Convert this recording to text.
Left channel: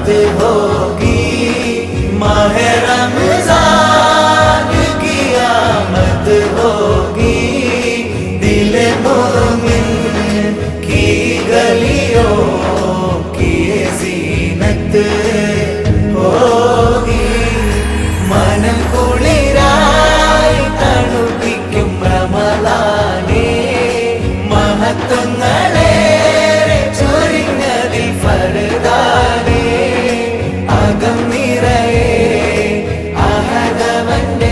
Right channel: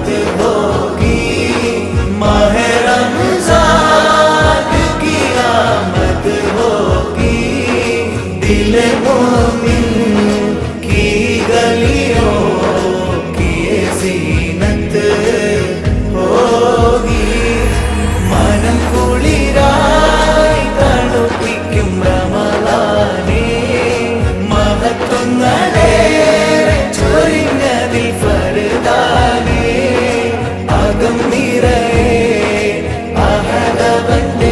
मदद होगी। महरम जाग की आमद होगी। दिल मोमिन की गलियों की जीनत होगी। മനം കുളിരായി തണുപ്പിക്കും റമലാനെ മഹത്വങ്ങളേറെ ചൊരിഞ്ഞതിൽ ഫറുദാനേ ஆண்டவன்